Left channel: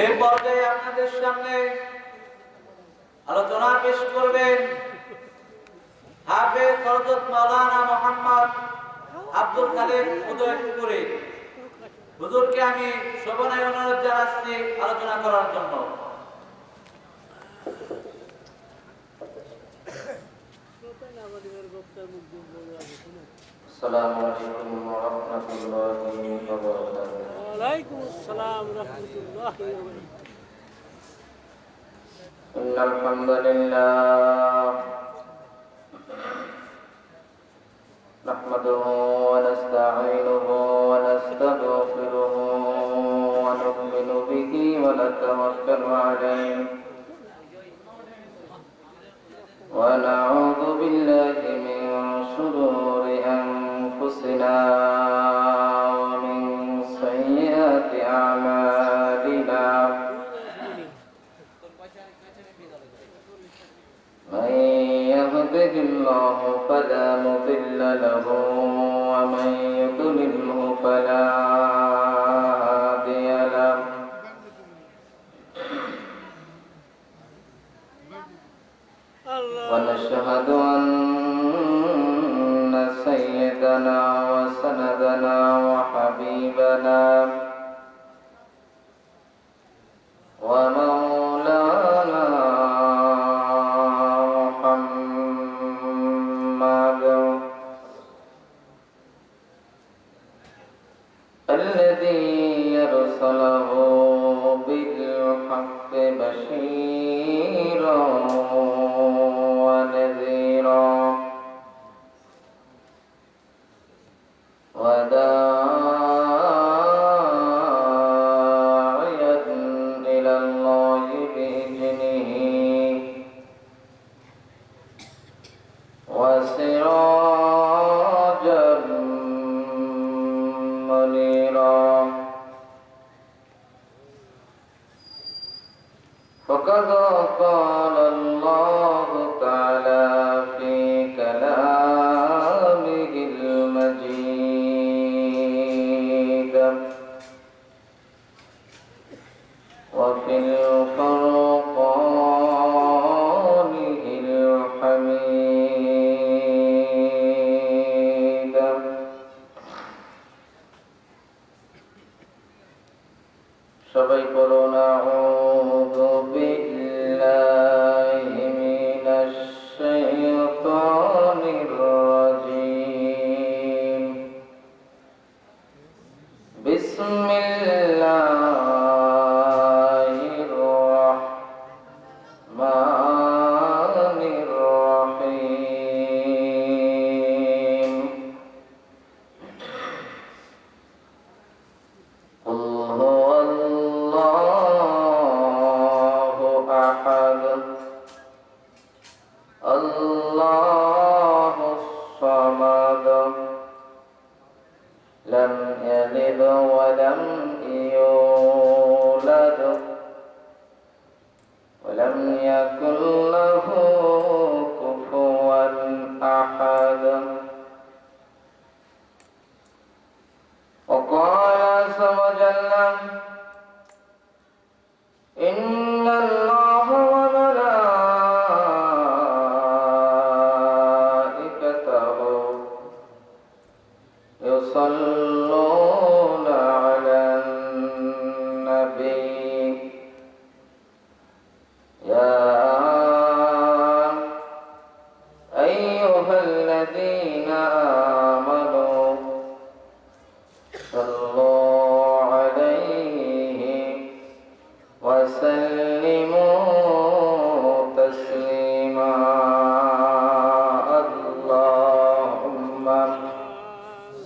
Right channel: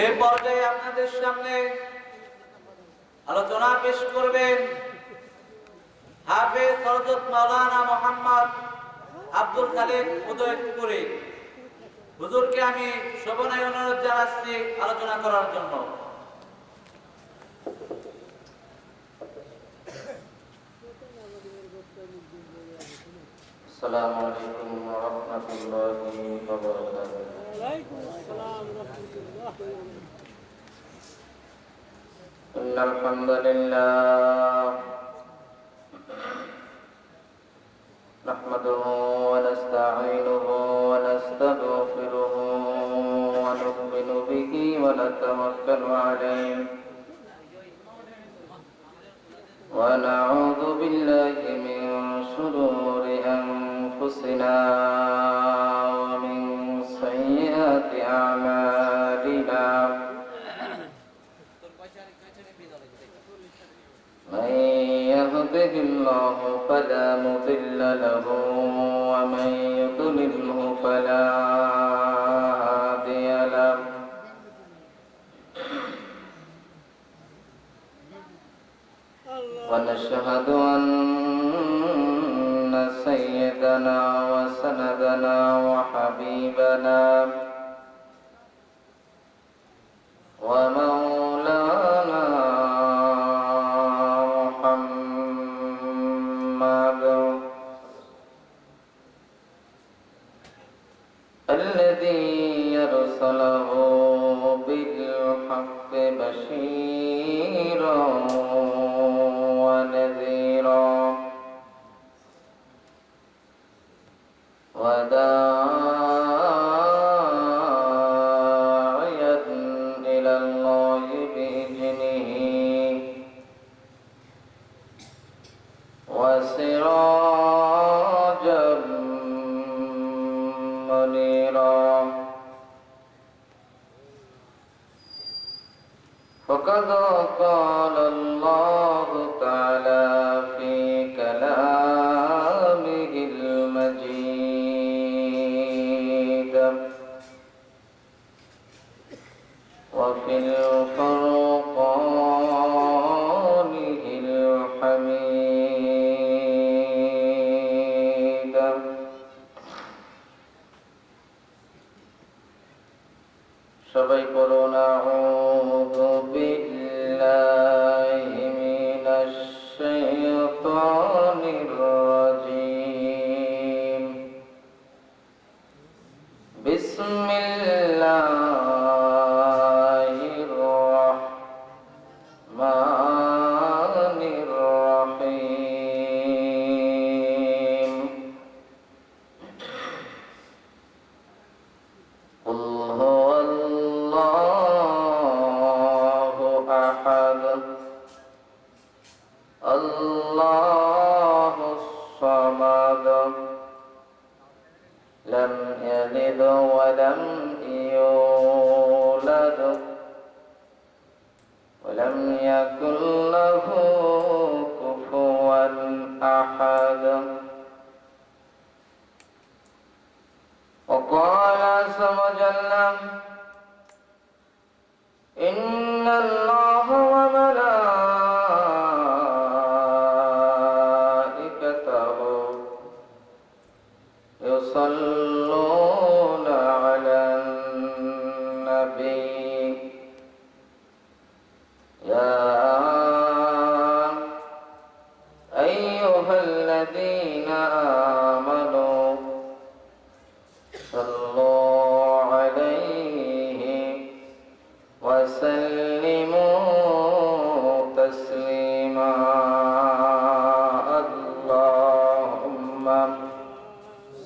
এই পর্যায়ে আপনাদের সামনে আলোচনা পেশ করবেন হাফেজ হযরত মাওলানা মুহাম্মদ আব্দুল খালিক উদয়পুরী। হুজুরকে আমি শোভনায় অনুরোধ জানাচ্ছি আলোচনা করার জন্য। আসসালামু আলাইকুম ওয়া রাহমাতুল্লাহি ওয়া বারাকাতুহু। ওয়া আলাইকুম আসসালাম ওয়া রাহমাতুল্লাহি ওয়া বারাকাতুহু। ইন্নাল হামদালিল্লাহ নাহমাদুহু ওয়া নাস্তাঈনুহু ওয়া নাস্তাগফিরুহু ওয়া nu'minu bihi wa natawakkalu alayhi wa na'udzu billahi min shururi anfusina wa min sayyiati a'malina. من يهده الله فلا مضل له ومن يضلله فلا هادي له. ونشهد أن سيدنا وسندنا وحبيبنا ومولانا الذي يرسله بالحق بشيرا ونذيرا وداعيا إلى الله بإذنه وسراجا منيرا. فقد قال الله تعالى في كلامه المجيد وفي فرقانه الحميد. সবাই বলুন আউযু বিল্লাহি মিনাশ শাইতানির রাজীম। বিসমিল্লাহির রাহমানির রাহিম। قل هو الله أحد الله الصمد لم يلد ولم يولد ولم يكن له كفوا أحد. وقال عز وجل إن الله وملائكته يصلون على النبي يا أيها الذين آمنوا صلوا عليه وسلموا تسليما. اللهم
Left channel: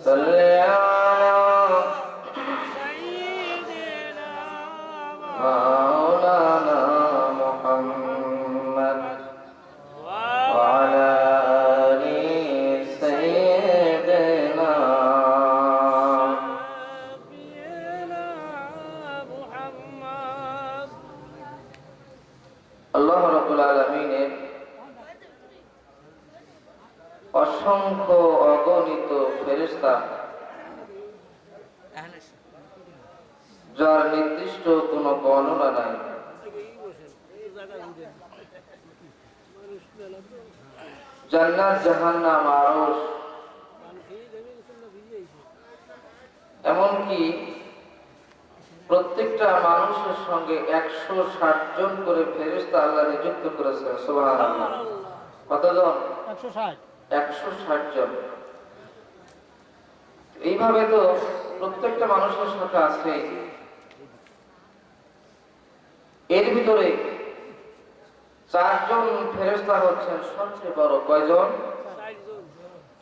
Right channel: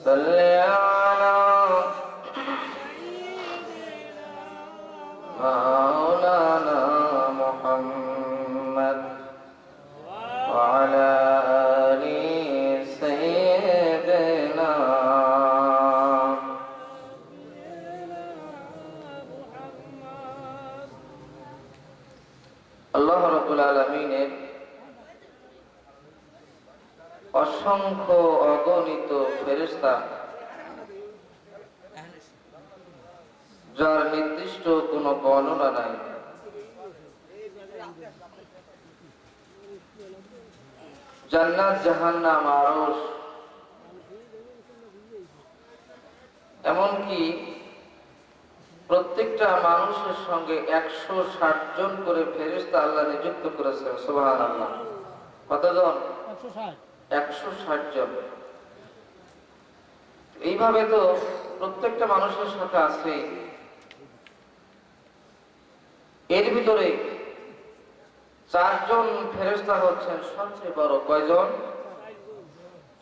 صل على مولانا محمد وعلى آل سيدنا আল্লাহ রাব্বুল আলামিনের অসংখ্য অগণিত ফেরেশতা যার নির্দিষ্ট কোনো বর্ণনা নাই। জান্নাত জাহান্নাম আরশ এমনকি প্রত্যেকটা মানুষের সঙ্গে 160 জন করে ফেরেশতা আল্লাহ নিযুক্ত করেছেন। সুবহানাল্লাহ। কতজন? 160 জন। এইভাবে তো প্রত্যেকটা মানুষের সাথে আছে। এর ভিতরে 4 জন ফেরেশতা হচ্ছেন সবচেয়ে বড়। কয়জন?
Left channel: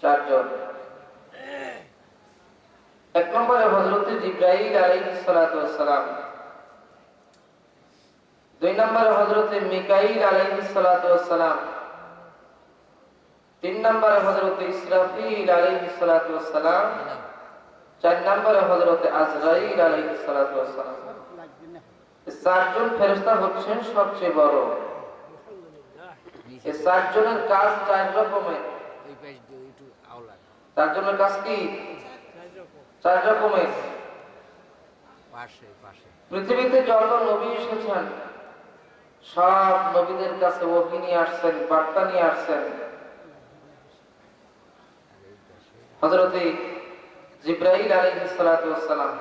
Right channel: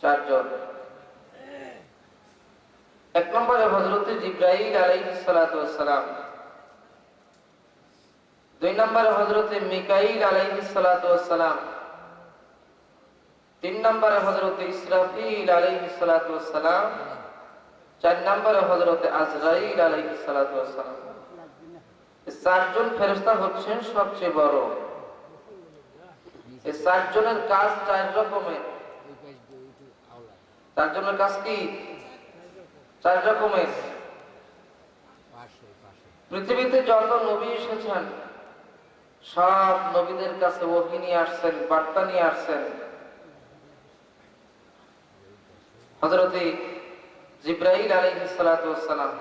4 জন। এক নম্বরে হযরত জিবরাইল আলাইহিস সালাতু ওয়াস সালাম, 2 নম্বরে হযরত মিকাইল আলাইহিস সালাতু ওয়াস সালাম, 3 নম্বরে হযরত ইসরাফিল আলাইহিস সালাতু ওয়াস সালাম, 4 নম্বরে হযরত আজরাইল আলাইহিস সালাতু ওয়াস সালাম। এই 4 জন ফেরেশতা হচ্ছেন সবচেয়ে বড়। এই 4 জনের কাজ 4 রকমের। 4 জনের কাজ কি? 4 রকমের। পৃথিবীতে যত নবী এসেছেন সব নবীদের কাছে ওহী নিয়ে আসছেন, বার্তা নিয়ে আসছেন। হযরত জিবরাইল আলাইহিস সালাতু ওয়াস সালাম,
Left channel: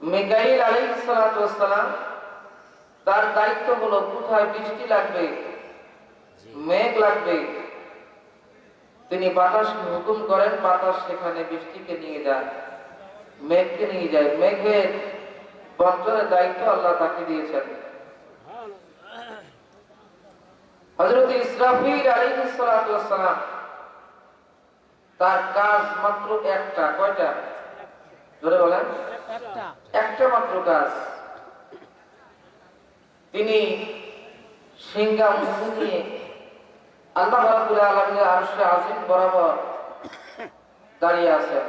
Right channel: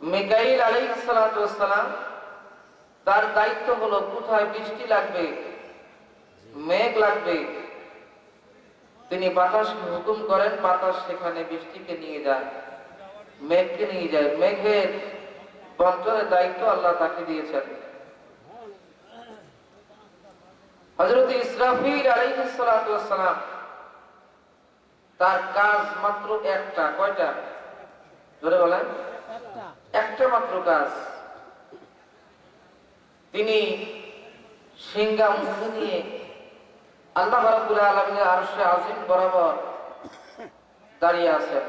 মিকাইল আলাইহিস সালাতু ওয়াস সালাম, তার দায়িত্ব হলো কোথায় বৃষ্টি লাগবে, মেঘ লাগবে, তিনি বাতাসকে হুকুম করেন, বাতাস সেখানে বৃষ্টিকে নিয়ে যায়, মেঘকে নিয়ে যায়। মেঘের বন্টনের দায়িত্ব আল্লাহ তাকে দিয়েছেন। হযরত ইসরাফিল আলাইহিস সালাতু ওয়াস সালাম, তার কাজ মাত্র একটা। কয়টা? জোরে বলেন। একটা মাত্র কাজ। তিনি সিংহা মুখে নিয়ে আল্লাহ রাব্বুল আলামিনের আরশে আজিম বরাবর দাঁড়িয়ে আছেন।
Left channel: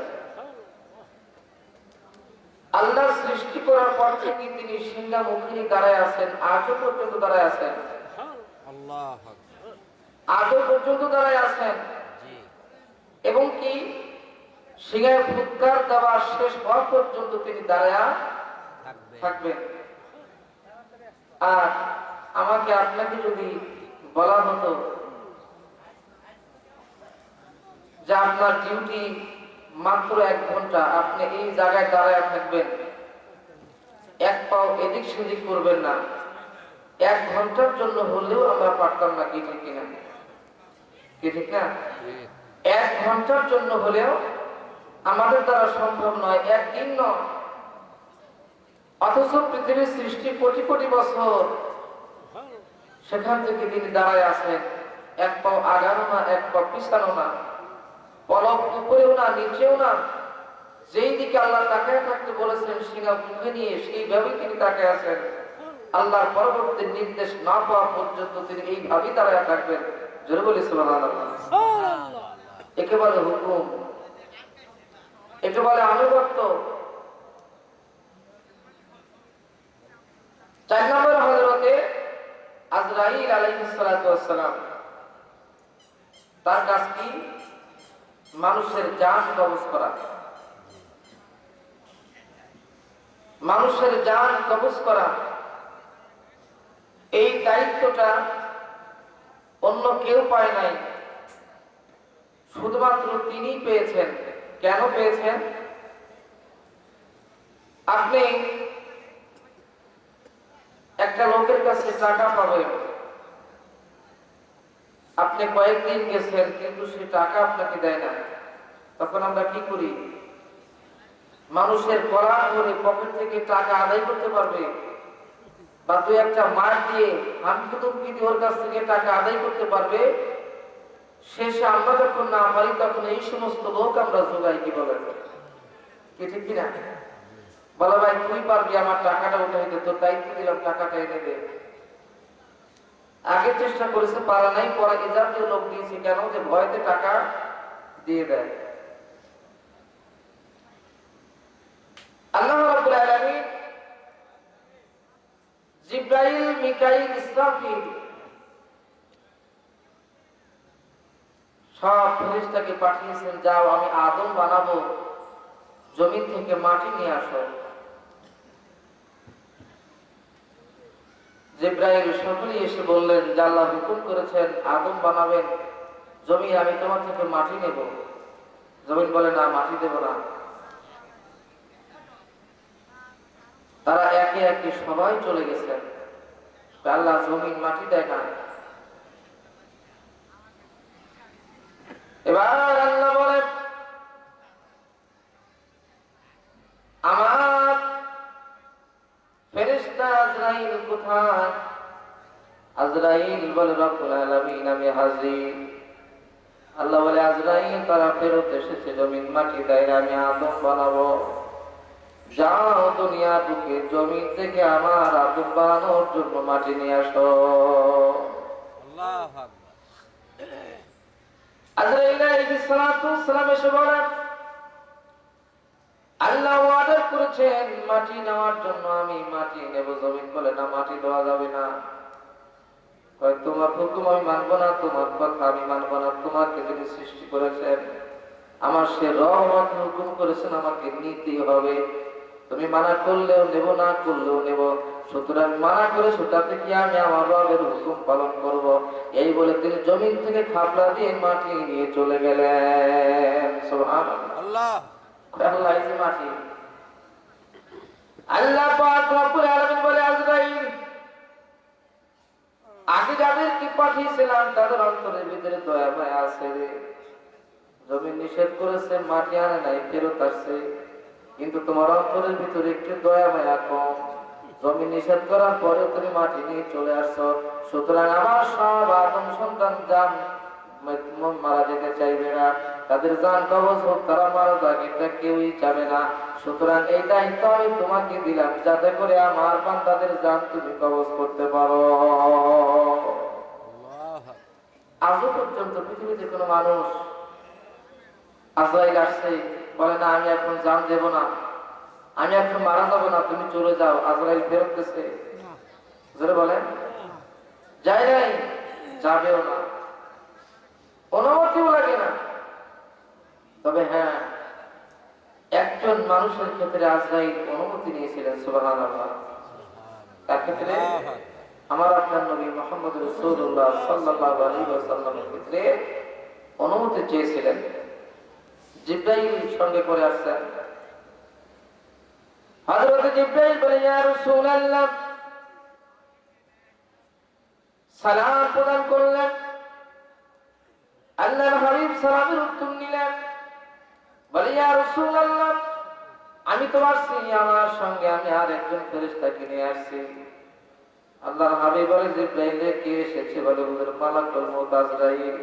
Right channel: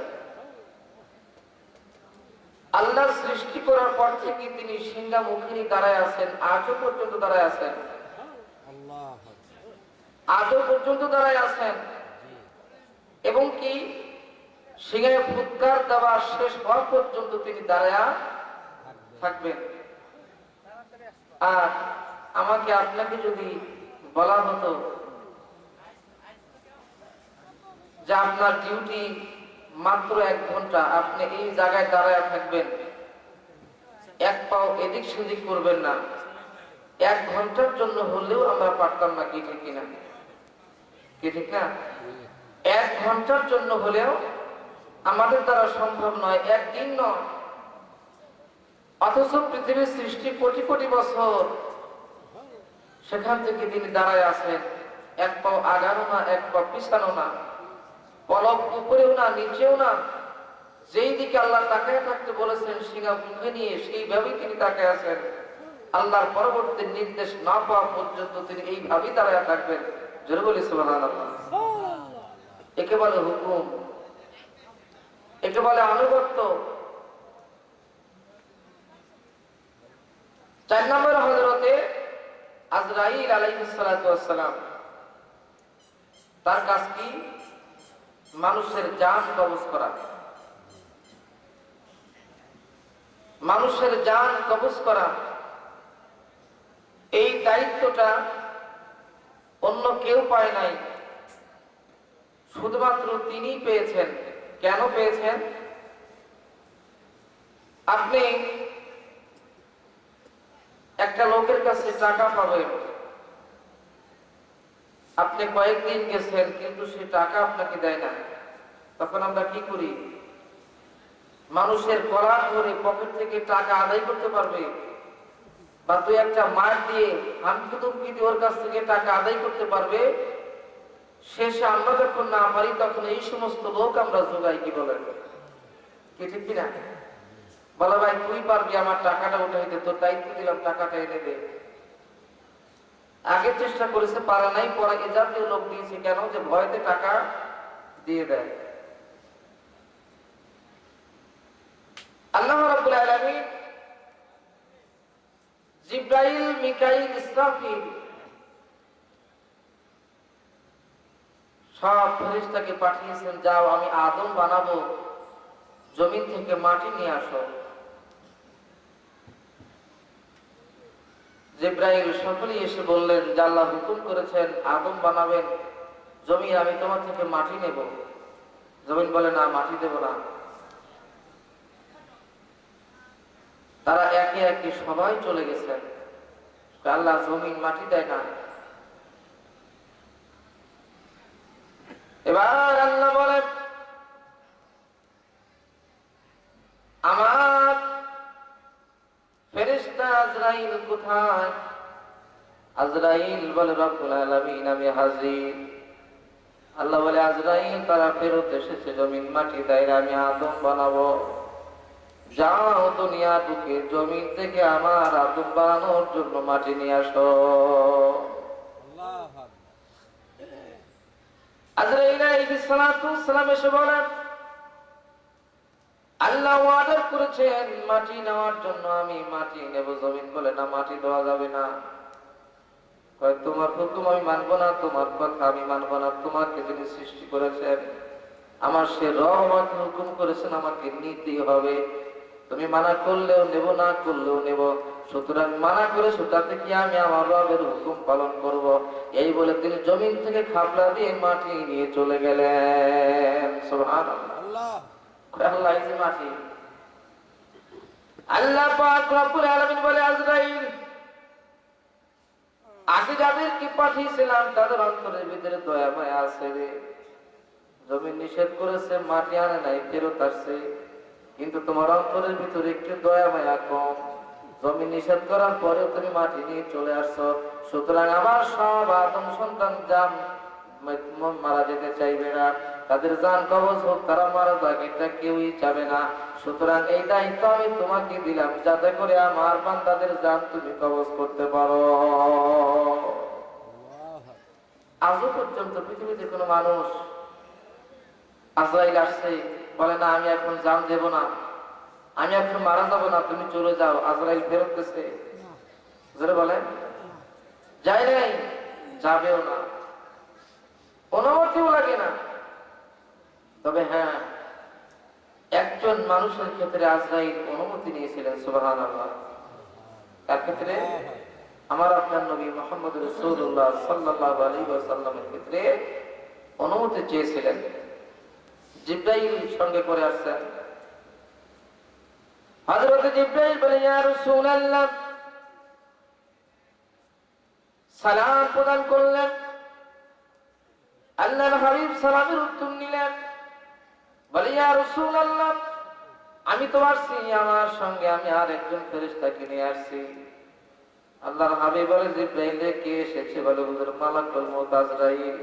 আল্লাহ সৃষ্টি করার পর থেকে তিনি সিংহা মুখে নিয়ে দাঁড়ায় আছেন, আজও পর্যন্ত দাঁড়ায় আছেন। আজও পর্যন্ত দাঁড়ায় আছেন। এবং কি সিংহায় ফুৎকার দেওয়া শেষ হওয়া পর্যন্ত তিনি দাঁড়ায়া থাকবেন। আর আমাকে আপনাকে যদি বলা হতো যে আপনার ডিউটি মাত্র 1 ঘন্টা, আপনি এই জায়গায় দাঁড়ায় থাকবেন, এক পাও এদিক সেদিক করবেন না, 1 ঘন্টার জন্য হলেও আমরা পারতাম না। কি ঠিক কিনা? কি ঠিক না? 1 ঘন্টার জন্য হলেও আমাদের দ্বারা সম্ভব নয়, একদিন নয়। অথচ পৃথিবীর সৃষ্টি কোটি কোটি বছর, সেখান থেকে তিনি দাঁড়ায় আছেন, 1 পাও আগানো না, 1 পাও পিছানো না, পলক উপরেও না, নিচেও না। যেই দিকে আল্লাহ তাকায় থাকতে বলেছেন সিংহা মুখে নিয়ে, সেইভাবেই তিনি তাকায় আছেন। আল্লাহর পরবর্তী নির্দেশ না পাওয়া পর্যন্ত তিনি এইভাবেই দাঁড়ায় থাকবেন। জোরে বলি সুবহানাল্লাহ। একে বলে হুকুম, একে বলে আনুগত্য। 4 নম্বর হযরতে আজরাইল আলাইহিস সালাতু ওয়াস সালাম, তার কাজ কি? মানুষের জান কবজ করা। মানুষের জান কবজ করা, এই দায়িত্বটা অন্য কেউ পায় নাই, শুধুমাত্র তিনিই পেয়েছেন। কেন পেয়েছেন? আপনি একটা লোকের কাছে টাকা পাবেন, আপনি কয়েকদিন গেছেন কিন্তু সে টাকা আপনাকে দেয় না। তখন আমরা কি করি? মানুষের কলার ধরে পকেট থেকে টাকা আদায় করতে পারবে, বা 2-1টা মার দিয়ে হামকুদুমকি দিয়ে ওর কাছ থেকে টাকা আদায় করতে পারবে। শেষে আমরা যখন না পারি তখন এই সমস্ত লোক আমরা জোগাই। কি বলেন? কি ঠিক কিনা? বলে ভাই তুই পারবি আমার টাকাটা উঠাইতে, তোর দায়িত্ব দিলাম, টাকাটা এনে দে। আগে চেষ্টা করেছে, পারা নাই, পরে এ জাতীয় লোক দিয়েছে। কেন? যে ভয়তে টাকা দিয়ে দেয়। আল্লাহ রাব্বুল আলামিন জিবরাইল, মিকাইল, ইসরাফিল সব ফেরেশতাকে পাঠিয়েছেন, যাও আমি আদম বানাবো, জমিন থেকে মাটি নিয়ে আসো। জিবরাইল সকলেই এসে বললেন যে আল্লাহ হুকুম করেছেন আদম বানাবেন, জমিন আমি তোমার থেকে মাটি নেব। জমিন বলে না, মাটি দেব না। তারা একে একে সবাই চলে গেছেন। আল্লাহ জমিন মাটি দেয় না। এবার আল্লাহ বলে আমার ফেরেশতা আজরাইল কোথায়? আজরাইল বলে রব্বুল আলামিন আমি হাজির। আল্লাহ বলে আজরাইল তারা ফেরত এসেছে, জমিন মাটি দেয় না, আমি আদম বানাবো। যাও দুনিয়া ঢুকে জমিন থেকে আমার আদম বানানোর জন্য মাটি নিয়ে আসো। আজরাইল আলাইহিস সালাতু ওয়াস সালাম এসে বলেন আল্লাহ অর্ডার করেছেন মাটি নেওয়ার জন্য, আমি মাটি নেব। জমিন বলে না, মাটি দেওয়া যাবে না। তোমার হুকুম আমি মানবো না, তোমার কথা আমি মানবো না। তোমাকে যিনি সৃষ্টি করেছেন, আমার সে রহমত হুকুম করেছেন আমাকে নিতেই হবে। তুমি মানা করলেও নেব, না করলেও নেব। সুতরাং মানা করে সেটাতে কি আমি আমার রবের হুকুম পালন করব। এই বলে তিনি জমিন থেকে খাপলা দিয়ে মাটি নিয়ে চলে গেলেন। সুবহানাল্লাহ। আল্লাহ এই যে মাটি, আল্লাহ পাক রব্বুল আলামিন বলে আজরাইল আগে যাদেরকে পাঠিয়েছিলাম তাদের অন্তরের ভিতরে দয়া মায়া আছে রে। জমিন নিষেধ করেছে, মাটি আনে নাই, ফেরত আসছে, কিন্তু তোমার অন্তরের ভিতরে একটু দয়া মায়া কম। জমিন নিষেধ করার পরেও তুমি মাটি নিয়ে চলে আসছো। সুতরাং আমার সব আদম সন্তান জান মারা যেতে চাইবে না, তাদের জান কবজ হোক, তারা মারা যাক, এটা কেউই চাবে না। সুতরাং এই দায়িত্ব আমি তোমাকে দিলাম, যাতে করে আমার বান্দাদের জান তুমি কবজ করতে পারো। আজও পর্যন্ত পৃথিবীতে কোনো মানুষ আজরাইল আসছে বলে না আমি এখন জান দেব না, আমি এখন মারা যাবো না, তুমি চলে যাও। আজরাইল ফেরত গেছে? জোরে বলেন, যায় নাই, যাবেও না, অনুমতিও লাগে না। তবে হ্যাঁ, একজন মানুষের ক্ষেত্রে আজরাইল অনুমতি নিয়েছিলেন। সুবহানাল্লাহ। তার ক্ষেত্রে আমার আপনার নবী মুহাম্মদ রাসূলুল্লাহ সাল্লাল্লাহু আলাইহি ওয়াসাল্লামের ক্ষেত্রে অনুমতি চেয়েছিলেন। জিবরাইল সঙ্গে করে আসছেন। হযরত জিবরাইল বলে ইয়া রাসূলুল্লাহ, সালাম প্রদান করলেন। আল্লাহর হাবিব সালামের উত্তর নিলেন। বলে ইয়া রাসূলুল্লাহ, আমি তো আসছি, আমার সঙ্গে আমি আর একজন ফেরেশতাকে নিয়ে আসছি। আল্লাহর হাবিব বলে জিবরাইল কে এসেছে? বলে হুজুর মালাকুল মউত আজরাইল।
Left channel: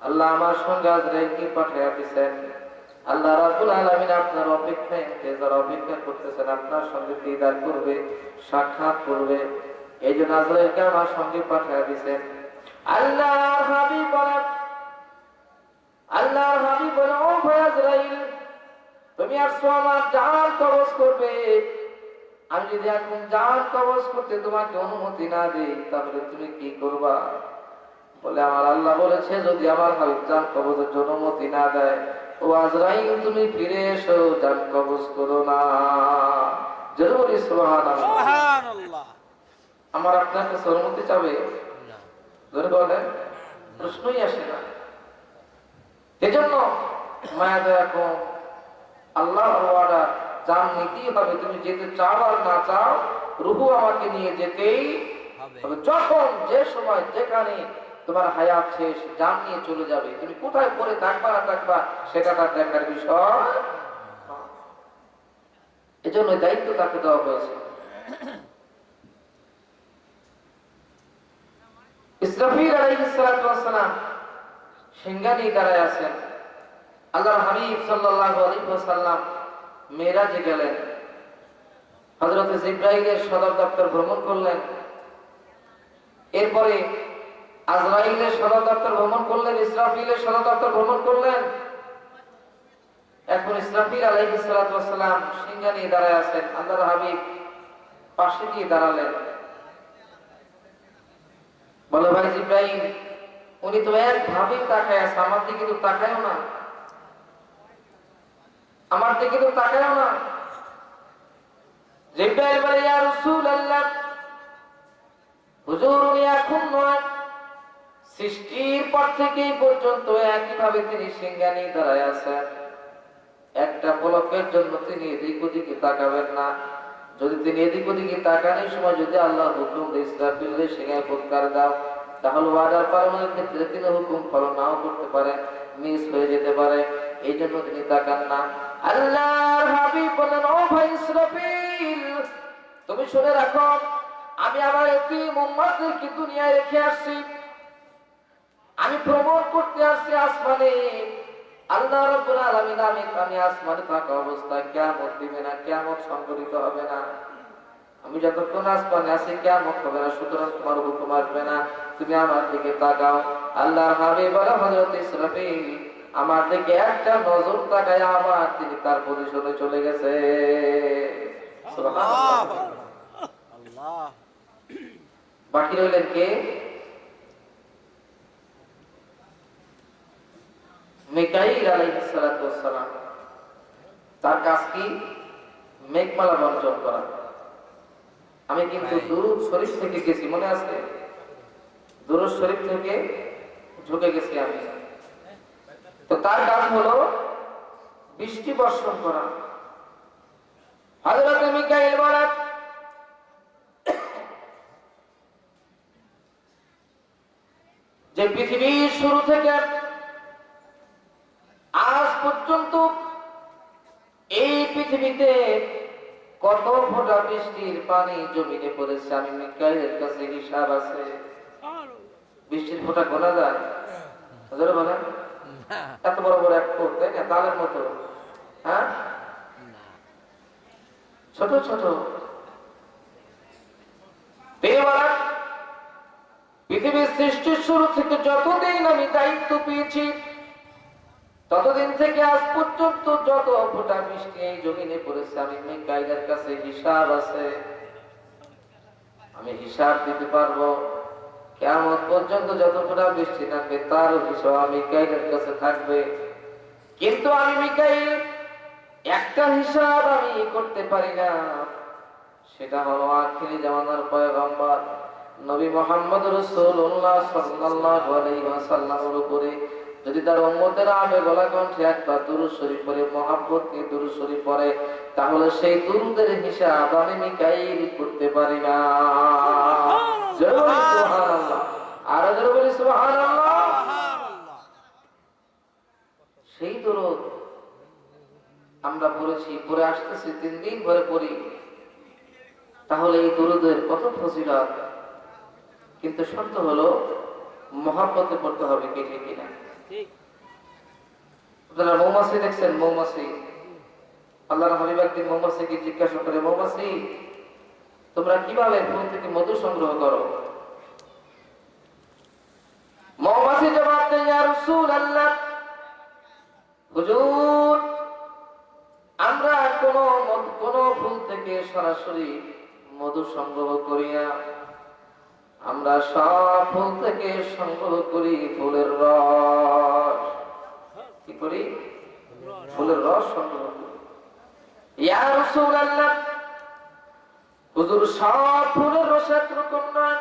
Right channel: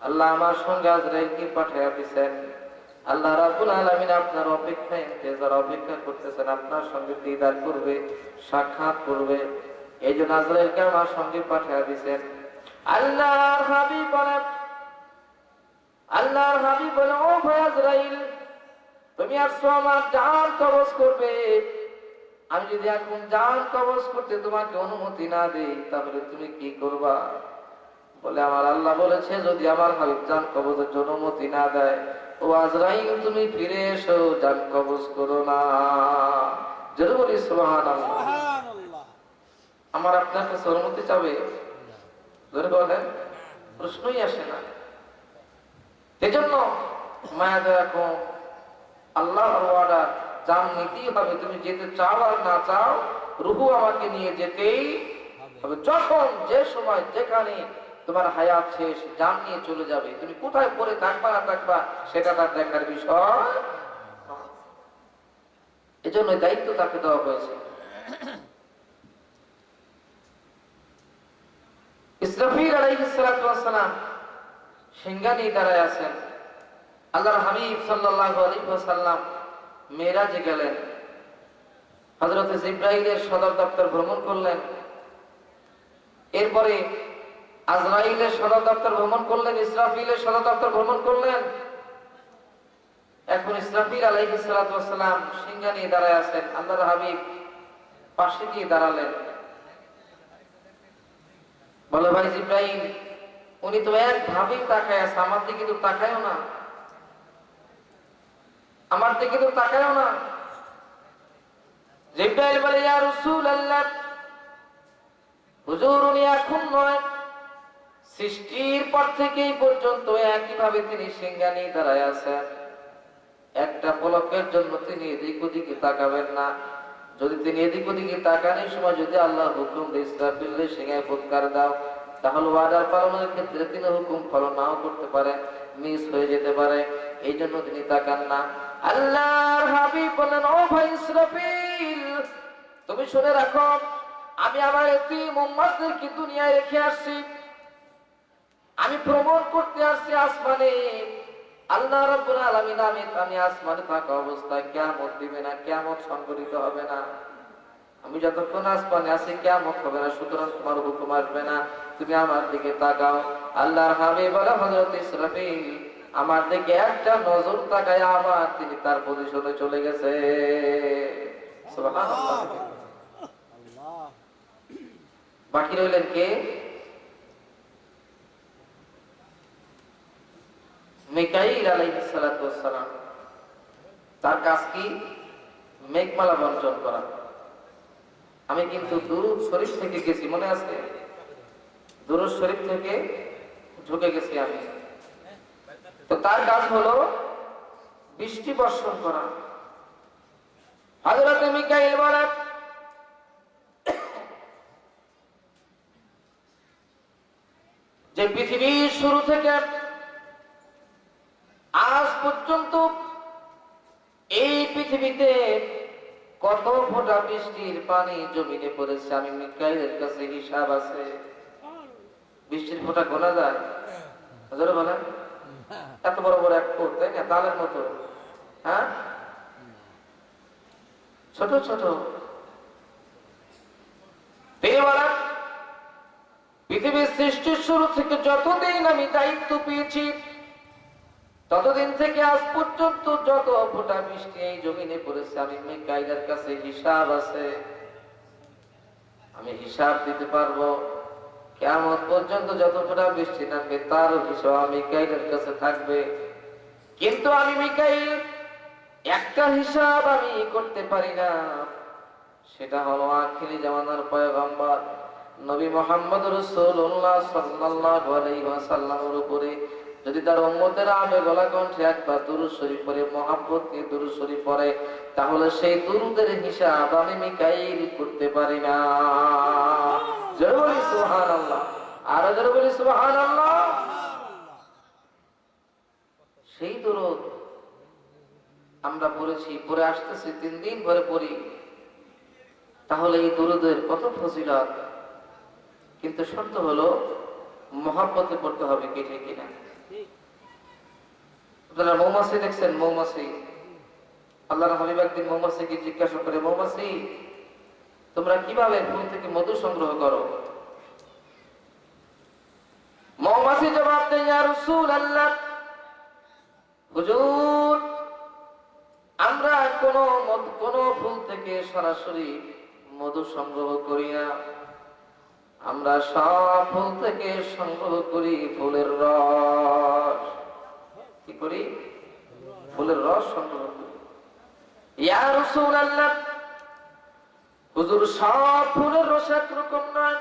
আল্লাহ আমার সঙ্গে আজরাইলকে পাঠিয়ে দিয়েছেন। আল্লাহ রাব্বুল আলামিন আপনার অপেক্ষায় ইন্তজার অপেক্ষা করতেছেন, আপনার সঙ্গে দিদার করবে, সাক্ষাৎ করবে। এই জন্য আজরাইলকে আমার সঙ্গে পাঠিয়ে দিয়েছেন। আল্লাহর হাবিব বলে ও ভাই আজরাইল, তুমি আসছো আমার জান কবজ করবে। আমি যদি এখন জান কবজ করতে তোমাকে অনুমতি না দেই, তাহলে তুমি কি করবা? বলে আমার আল্লাহ বলেছে যদি আমার হাবিব জান কবজের জন্য অনুমতি না দেয়, ও আজরাইল তুমি ফিরে এসো, জান কবজ করো না। জোরে বলি সুবহানাল্লাহ। আমার আপনার কাছে অনুমতি চাবে? জোরে বলেন, প্রশ্নই আসে না। এজন্য মায়া দয়া কম, আল্লাহর ওয়াদা, জান নিতেই হবে। তুমি যেতে চাও আর না চাও, রূহ আমাকে নিয়ে যেতেই হবে। যখন যে সময় যেখানে তোমার হায়াত শেষ, জান নিয়ে চলে যাবে। তুমি কোথায় পড়ে থাকবা না থাকবা সেটা তার দেখার বিষয়। এজন্য দায়িত্ব তাকে দেওয়া হয়েছে। ইসরাফিল আলাইহিস সালাতু ওয়াস সালাম সিংহা নিয়ে দাঁড়ায় আছেন। আল্লাহর হাবিব সাল্লাল্লাহু আলাইহি ওয়াসাল্লাম মেরাজে গেলেন। হযরত জিবরাইলের সদর দপ্তর ভ্রমণ করলেন। এরপরে আজরাইলের সদর দপ্তর ভ্রমণ করলেন, ইসরাফিলের সদর দপ্তর ভ্রমণ করলেন। এখন ইসরাফিল আলাইহিস সালাতু ওয়াস সালাম সিংহা নিয়ে দাঁড়ায় আছেন। আল্লাহর হাবিব পাশে গিয়ে দাঁড়ালেন। বলে ভাই জিবরাইল, উনি তো একভাবেই তাকায় আছে, আমার দিকে তো তাকায়ও না। আমার দিকে তো তাকায়ও না। জিবরাইল বলে, ইয়া রাসূলুল্লাহ, হুজুর উনি এখন নয়, সৃষ্টির পর থেকে এই পর্যন্ত একইভাবে তিনি সিংহানি দাঁড়ায় আছেন। একটা পলকের জন্য তিনি এদিক ওদিকে তাকাবেন না। যদি তিনি এদিক ওদিকে তাকানোর সময় যদি আল্লাহ হুকুম দেয় ইসরাফিলের সিংহায় ফুৎকার দাও, তাহলে ওয়াদার পালনের ক্ষেত্রে তিনি হুকুম ফলো নাও করতে পারে, মিস হয়ে যেতে পারে। এই জন্য তিনি তাকান না। আল্লাহর হাবিব বলেন, ও ভাই ইসরাফিল, তুমি শুনে রাখো, আমি আমার এতিম উম্মতদেরকে দুনিয়ায় রেখে আসছি। আমি ভ্রমণ করতে আসছি আসমানে। আল্লাহ রাব্বুল আলামিন আমি আসমানে থাকা অবস্থায় কিয়ামত দিবে না, কিয়ামত সংঘটিত হবে না। আমি যতক্ষণ আসমানে আছি কিয়ামত হবে না, সুতরাং তোমার হুকুম আসবে না, তুমি আমার দিকে তাকাও। আল্লাহর হাবিব বলে, হযরত ইসরাফিল আমার দিকে একটা নজর তাকায় আবার তিনি তার পজিশনে চলে গেছে। সুবহানাল্লাহ। বাকি রইলেন কে? মিকাইল আলাইহিস সালাতু ওয়াস সালাম। তার কাজ কি? মেঘমালা বর্জন করা। আমি কিন্তু দুরূদ শরীফ থেকে গেছি, মনে আছে? দুরূদ শরীফ থেকে ঢুকে গেছি আমি। তো তার কাজ হলো বৃষ্টি বর্ষণ করা। হযরত মিকাইল বলেন, যে পৃথিবীর শুরু থেকে আজ পর্যন্ত এই পৃথিবীতে কত ফোঁটা বৃষ্টির পানি জমিনে পড়েছে, আমি মিকাইলের কাছে হিসাব আছে। বৃষ্টির ফোঁটা গোনা যায়? হুজুর বলেন, এত বড় বড় এক ফোঁটা, তাই না? তালের মতো, হ্যাঁ, ছোট ছোট। তিনি বলেন, পৃথিবীর সৃষ্টির শুরু থেকে যতদিন আমি দায়িত্ব পেয়েছি, ততদিন থেকে আজ পর্যন্ত যত ফোঁটা বৃষ্টি এই জমিনে পড়েছে, আমি মিকাইলের কাছে হিসাব আছে। আমি হিসাব দিতে পারবো। কিয়ামত পর্যন্ত যত ফোঁটা বৃষ্টি নামবে তার হিসাব আমি মিকাইলের কাছে থাকবে। কিন্তু আমি মিকাইল একটা হিসাব আমি করতে পারি না, সেটা হলো আখিরি জামানার পয়গম্বর নবী মুহাম্মদ রাসূলুল্লাহ সাল্লাল্লাহু আলাইহি ওয়াসাল্লামের উপরে যদি তার উম্মতের আবে গলা কণ্ঠে একবার দুরূদ শরীফ পড়ে, মহব্বত নিয়ে দুরূদ শরীফ পড়ে, তাহলে সেই দুরূদের হিসাব আমি মিকাইল করতে পারি না। জোরে বলি সুবহানাল্লাহ, আর জোরে বলি সুবহানাল্লাহ। সেই দুরূদ আমরা পড়েছি, পড়ে আসতেছি, 3 দিন ধরে পড়ি। তাহলে এই দুরূদের কত ফজিলত। কিন্তু শর্ত হলো মহব্বতে পড়তে হবে, কি ঠিক কিনা? আপনারা মৌমাছি দেখছেন? মৌমাছি, আল্লাহর হাবিব একদিন মৌমাছিকে জিজ্ঞাসা করে, মৌমাছি তোমরা কিভাবে ফুল থেকে মধু সংগ্রহ করো? মৌমাছি জবাব দেয়, ইয়া রাসূলুল্লাহ, হুজুর আমরা কোন ফুল থেকে সরাসরি মধু সংগ্রহ করি না, আমরা সব ফুল থেকে সংগ্রহ করি ফুলের রস। কি করি? ফুলের রস সংগ্রহ করি। ইয়া রাসূলুল্লাহ, হুজুর সব ফুলের রস একরকম নয়,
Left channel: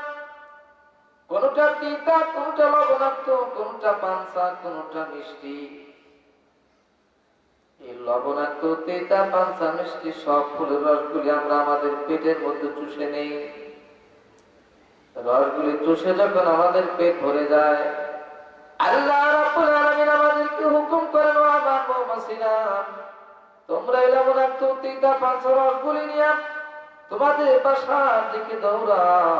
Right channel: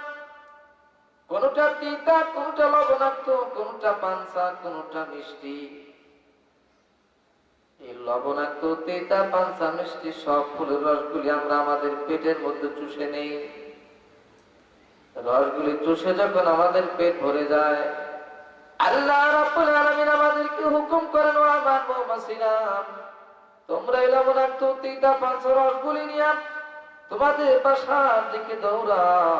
কোনটা তিতা, কোনটা লবণাক্ত, কোনটা পানসা, কোনটা মিষ্টি। এই লবণাক্ত, তিতা, পানসা, মিষ্টি সব ফুলের রসগুলি আমরা আমাদের পেটের মধ্যে চুষে নেই। রসগুলি চুষে যখন আমাদের পেট ভরে যায়, আল্লাহ রাব্বুল আলামিন আমাদেরকে হুকুম করেন, ও আমার মৌমাছিরা, তোমরা এই লবণাক্ত, তিতা, পানসা রসগুলি নিয়ে তোমাদের বাসার দিকে দৌড়াও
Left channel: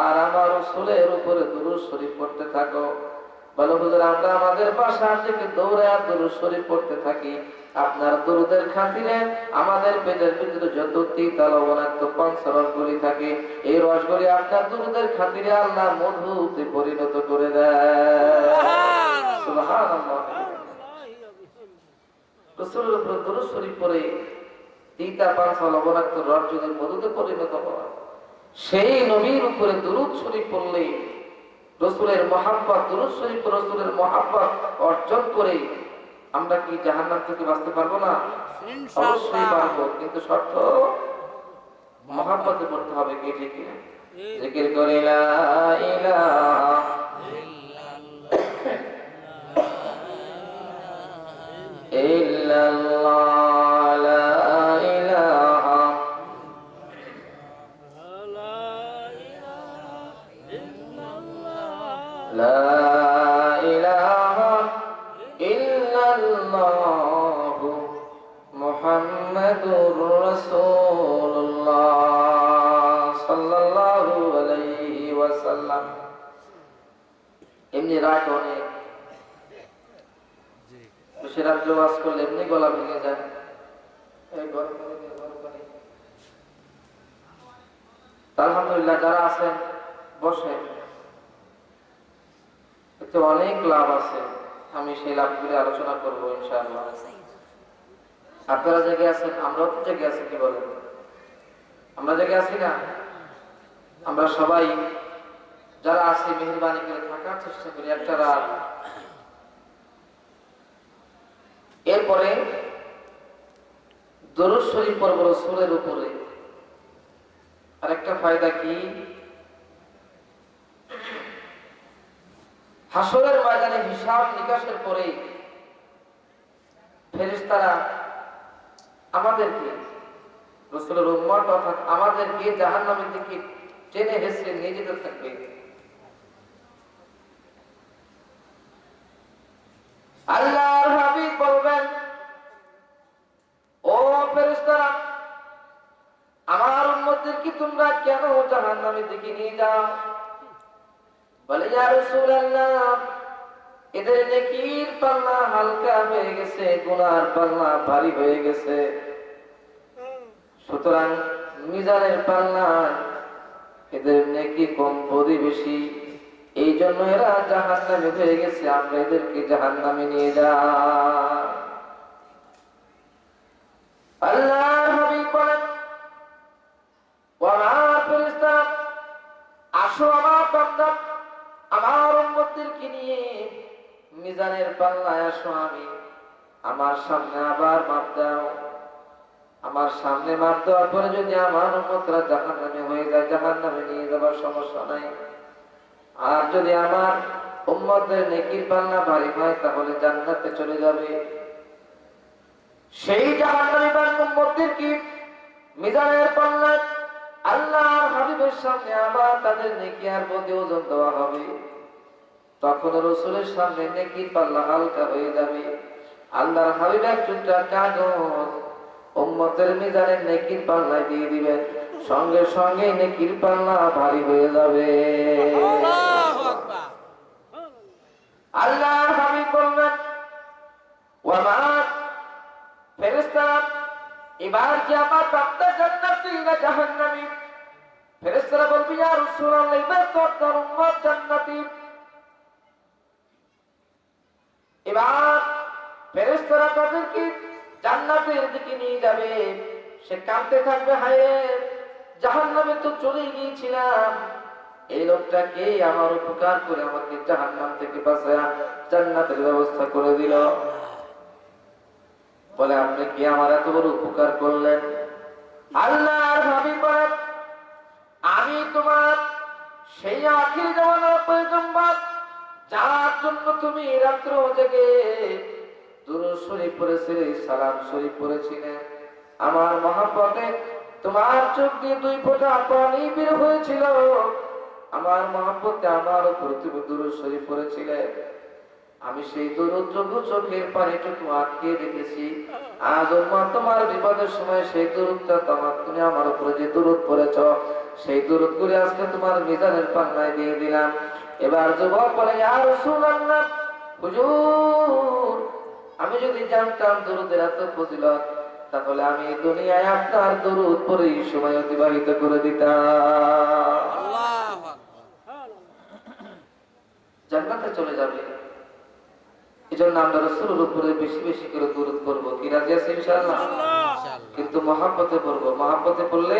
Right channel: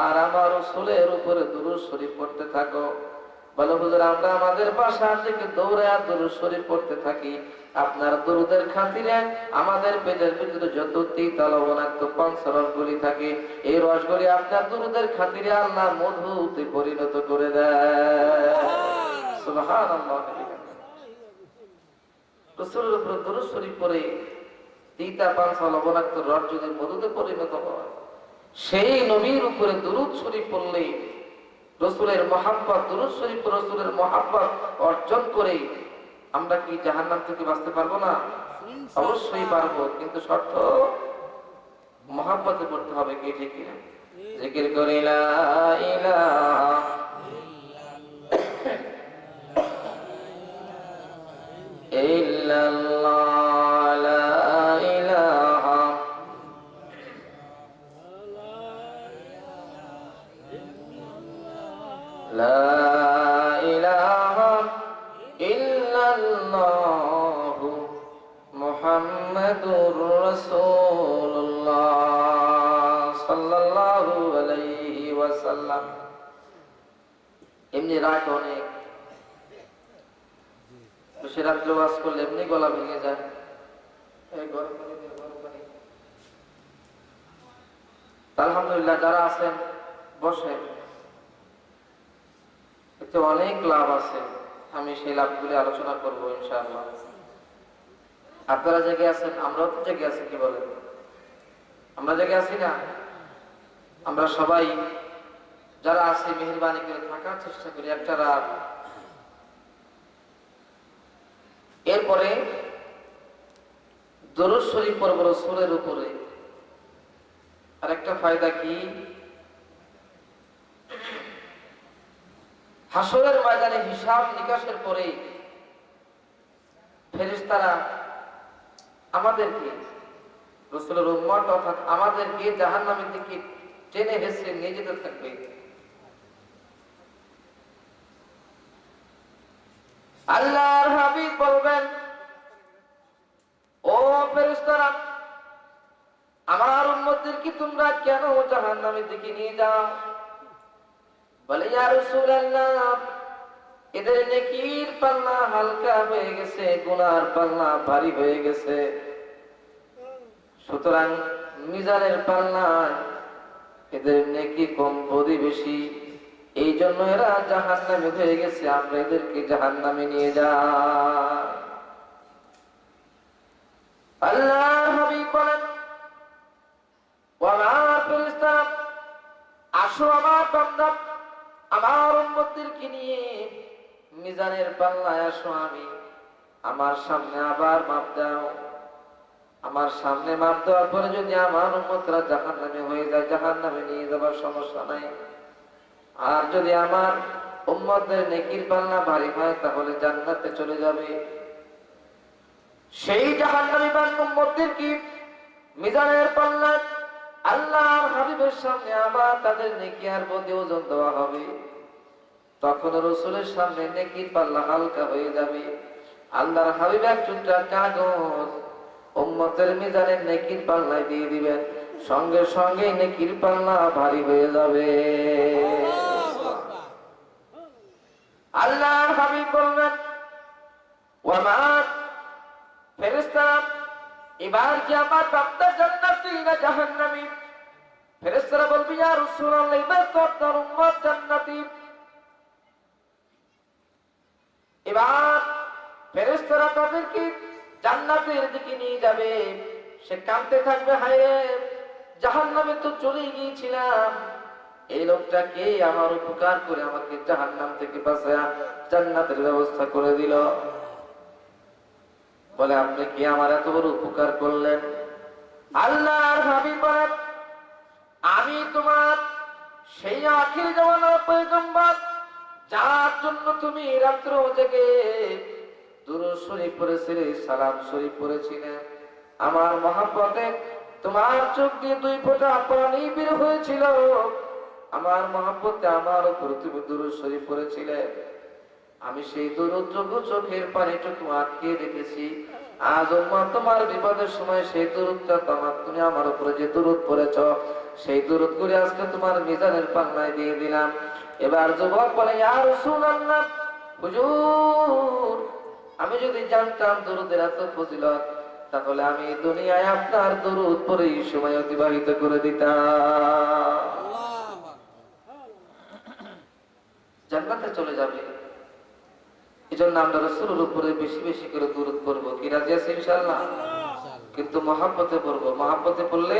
আর আমার রাসূলের উপরে দুরূদ শরীফ পড়তে থাকো। বলো, হুজুর আমরা আমাদের বাসার দিকে দৌড়ে আর দুরূদ শরীফ পড়তে থাকি, আপনার দুরূদের খাতিরে আমাদের পেটের ভিতরে যত তিতা, লবণাক্ত, পানসা রসগুলি থাকে, এই রসগুলি আপনার দুরূদের খাতিরে আল্লাহ মধুতে পরিণত করে দেয়। সুবহানাল্লাহ। রাসূলের উপরে দুরূদ শরীফ পড়ে তিতা, পানসা, লবণাক্ত রস যদি মধুতে পরিণত হয়, সেই নবীর উপরে দুরূদ শরীফ পড়লে রাসূলের মহব্বত, দুরূদ শরীফ রাসূলের মহব্বত অর্জন করে আমরা কি জাহান্নাম থেকে বাঁচতে পারবো না? অবশ্যই পারবো, কিন্তু শর্ত মহাব্বতে পড়তে হবে। কি ঠিক কিনা? জিকির করে লা ইলাহা ইল্লাল্লাহ, লা ইলাহা লা ইলাহা ইল্লাল্লাহ মুহাম্মাদুর রাসূলুল্লাহ সাল্লাল্লাহু আলাইহি ওয়াসাল্লাম। এমনি রাত অনেক, বেশি রাত্রে ওয়াজ করলে এমনি গলা ভেঙে যায়। এই গরম পানি দিয়ে, গরম পানি। আলহামদুলিল্লাহ, যারা আছেন বসেন, এতে অনেক লাভ আছে। আমি সেই লাভগুলি আলোচনা করবো ইনশাআল্লাহ। আপনারা জেগে আছেন, আমরাও তো জেগে আছি। কি বলেন? আমরা জেগে আছি না? আমরা সবাই যারা আছি মেহেরবানি করে থাকার চেষ্টা করি একটা রাত। এরপরে দরুদ শরীফ পড়ব রাসূলের উপরে। আরেকটা ফায়দা কি, হাসরের ময়দানে হিসাব নিকাশের পরে ফেরেশতারা আমাদেরকে, রাসূলের উম্মত অর্থাৎ আমাদেরকে জাহান্নামের দিকে টেনে হেঁচড়ে নিয়ে যেতে থাকবে। আল্লাহর হাবিব বলবেন, ও ফেরেশতারা, আমার উম্মতদেরকে তোমরা কেন জাহান্নামের দিকে নিয়ে যাও? বলে, ইয়া রাসূলুল্লাহ, এদের নেকির পাল্লা হালকা হয়ে গেছে, গুনার পাল্লা ভারী হয়ে গেছে, সুতরাং মিজানের পাল্লা এদের নেকি কম বদি বেশি, এই জন্য এরা জাহান্নামে হয়ে গেছে, আমরা এদেরকে জাহান্নামে নিয়ে যাই। আল্লাহর হাবিব বলেন, ওয়া মা ফেরেশতা, আসো আমার বান্দা, আমার উম্মতদেরকে নিয়ে মিজানের পাল্লায় আসো, আমি আমার সামনে আবার মাপ দাও। আমার সামনে মাপ দেওয়ার পরে যদি আমার উম্মতরা জাহান্নামে হয়ে যায়, জাহান্নামে নিয়ে যাবার সমস্যা নাই। আর যদি আমার উম্মতদের নেকির পাল্লা ভারী হয়, তাহলে জান্নাতে চলে যাবে। সেই জাহান্নামী উম্মতদের কি মিজানের পাল্লা আল্লাহর হাবিবের সামনে আবার তাদের নেকি আর বদি ওজন দেওয়া হবে। তখন রাসূলের সামনে নেকির পাল্লা হালকা হয়ে যাবে। আল্লাহর হাবিব এক টুকরা কাগজ উম্মতের মিজানের নেকির পাল্লায় দিয়ে দিবেন, সঙ্গে সঙ্গে নেকির পাল্লা ভারী হয়ে যাবে। আল্লাহর হাবিব বললেন, ওয়া মা ফেরেশতা, এবার কি আমার বান্দা জান্নাতি না জাহান্নামী? ফেরেশতারা বলবে, ইয়া রাসূলুল্লাহ, এবার তো আপনার উম্মত জান্নাতি। এবার ফেরেশতারা তাদেরকে জান্নাতের দিকে নিয়ে যাবে। সে কাঁদতে থাকবে, হায় জাহান্নামে তো চলে গিয়েছিলাম, এই লোকটাকে আমার উপকার করে আমাকে জাহান্নাম থেকে বাঁচায়া জান্নাতের ব্যবস্থা করে দিল। বলে, আপনি কি আমার এত বড় উপকার করলেন? আল্লাহর হাবিব বলেন, আমি তোমার সেই আখির জামানার পয়গম্বর, যার জন্য তুমি রাত্র জেগে দুরূদ শরীফ পড়েছিলে, সালাম শরীফ পড়েছিলে। আমার মহব্বতে তোমার চোখ দিয়ে 2 ফোঁটা পানি বের হয়েছিল। আমার মহব্বতে আমার উপর তুমি দুরূদ শরীফ পড়েছিলে। আমি সেই দুরূদ চোখের পানিটুকু আটকে রেখেছি। আজ উম্মত তোমার বিপদের সময় সেই দুরূদটা তুমি আমার উপরে যে দুরূদ পড়েছ, সেই দুরূদ গুলি আজকে তোমার মিজানের পাল্লায় দিয়ে দিলাম। এবার যুবক বলে, ইয়া রাসূলুল্লাহ, হুজুর, আমি যদি জানতাম দুরূদের এত ফজিলত, তাহলে আমি দুনিয়ায় আপনার দুরূদ পড়েই সময় অতিবাহিত করে দিতাম। জান্নাতে চলে যাবে। এজন্য আমরা রাসূলের উপরে বেশি বেশি করে দুরূদ পড়ব। কি রাজি আছেন ইনশাআল্লাহ? কিন্তু মহব্বতে পড়ব। মহব্বতে পড়লে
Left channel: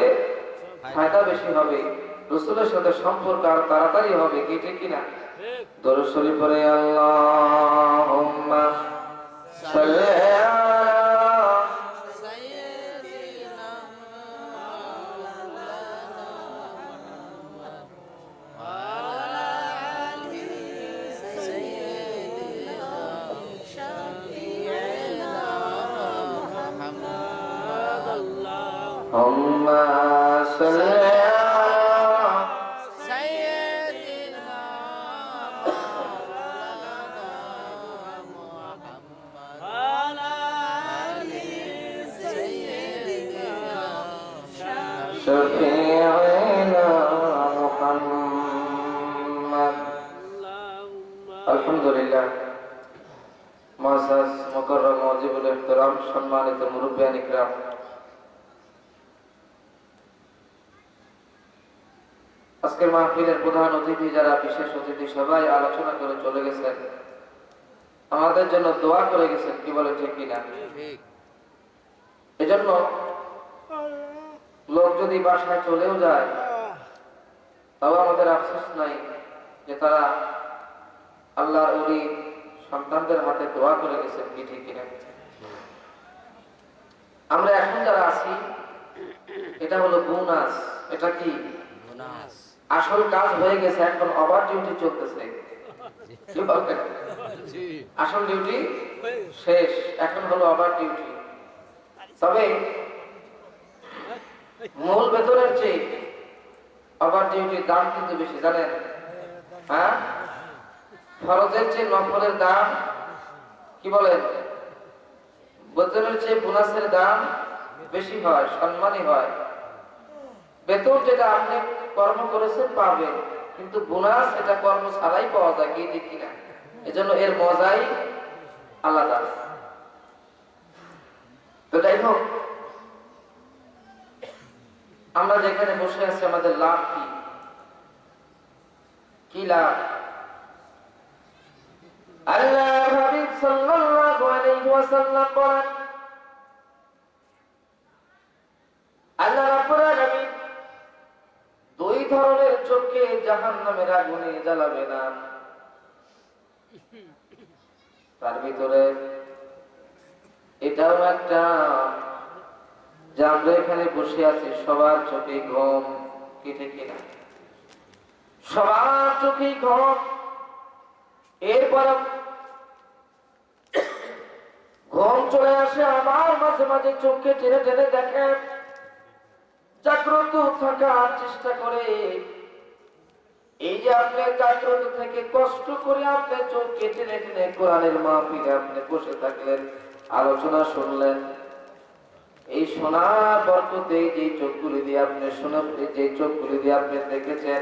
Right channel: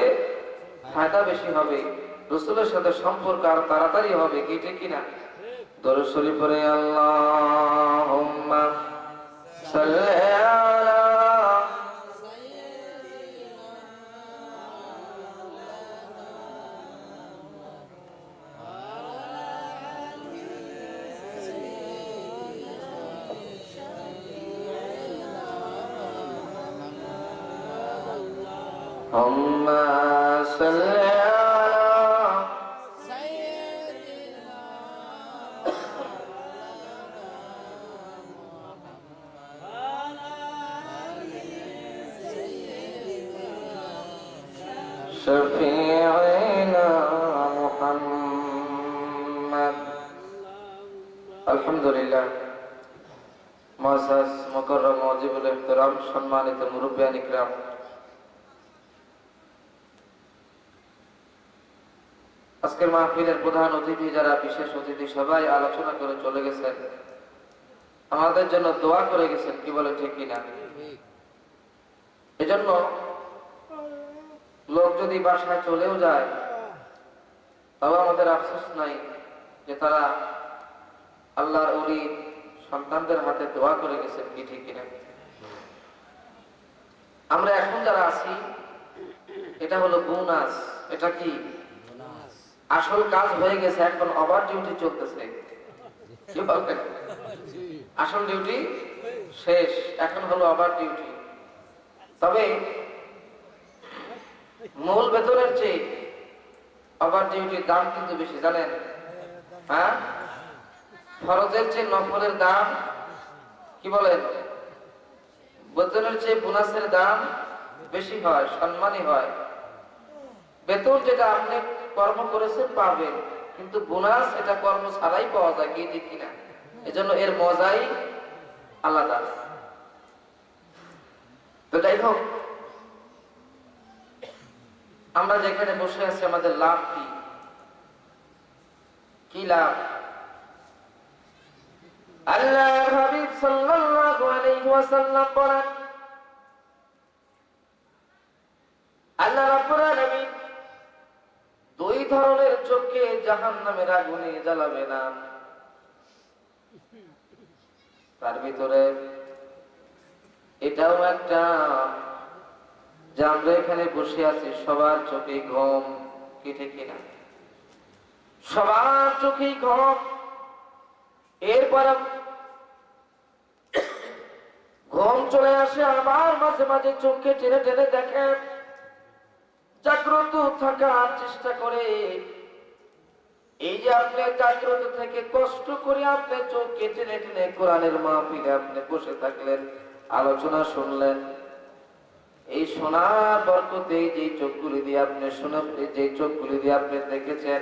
ফায়দা বেশি হবে, রাসূলের সাথে সম্পর্ক আর তাড়াতাড়ি হবে। কি ঠিক কিনা? দরুদ শরীফ পড়ে আল্লাহুম্মা صل على اللهم صل على شفيعنا محمد الحمد لله মুআজ্জাজ মুকাররম ওয়াজিবুল ইহতিরাম সম্মানিত মুরব্বিয়ান ইকরাম আজকের মাহফিলের প্রধান অতিথি যারা বিশেষ অতিথি সবাই আলোচনা করে চলে গেছেন আমাদের জন্য দোয়া করে গেছেন কি বলে ঠিক কিনা এজন্য লোক যদি বাসায় চলেও যায় তাও আমাদের আফসোস নাই যে তারা আল্লাহর ওলি সন্তানদের হাতে দোয়া করে গেছেন কি ঠিক কিনা আমরা এখন যারা আছি এটা হলো বোনাস এটা কি আসল কাজ হয়ে গেছে এখন ওভার ডিউটি চলতেছে কি বলেন আসল ডিউটি শেষ এখন হলো ওভার ডিউটি তবে মূল বেতনের চেয়ে ওভার ডিউটির দাম কিন্তু বেশি জানেন হ্যাঁ ফরজের চেয়ে নফলের দাম কি বলেন বেতনের চেয়ে বোনাসের দাম বেশি হয় সম্মানী হয় বেতন যেটা আপনি কর্ম করেছেন পাবেন কিন্তু বোনাস এটা কর্ম ছাড়াই পাওয়া যায় কি ঠিক কিনা এজন্য এর মজাই আলাদা তো যাই হোক আমরা যেখানে বসে আছি আমাদের লাভ কি কি লাভ আল্লাহর হাবিব সাল্লাল্লাহু আলাইহি ওয়াসাল্লাম বলেন আল্লাহ রাব্বুল আলামিন দুই ধরনের চোখকে জাহান্নামের আগুনে জ্বালাবে না তার ভিতরে এটাও একটা যে আমরা এখানে বসে আছি সবার চোখে ঘুম কি ঠিক কিনা সবার চোখে ঘুম এরপর ঘুম চলে আসে আবার মাঝে মাঝে চোখকে টেনে টেনে দেখে জাগ্রত থাকার চেষ্টা করে এই যে আপনি জাগ্রত থেকে কষ্ট করে আপনি চোখকে টেনে টেনে কোরআনের মাহফিলে আপনি বসে থাকলেন আলোচনা শুনলেন এই শোনার বরকতে যে চোখগুলি দিয়ে আপনি যে চোখগুলি দিয়ে আপনি দেখেছেন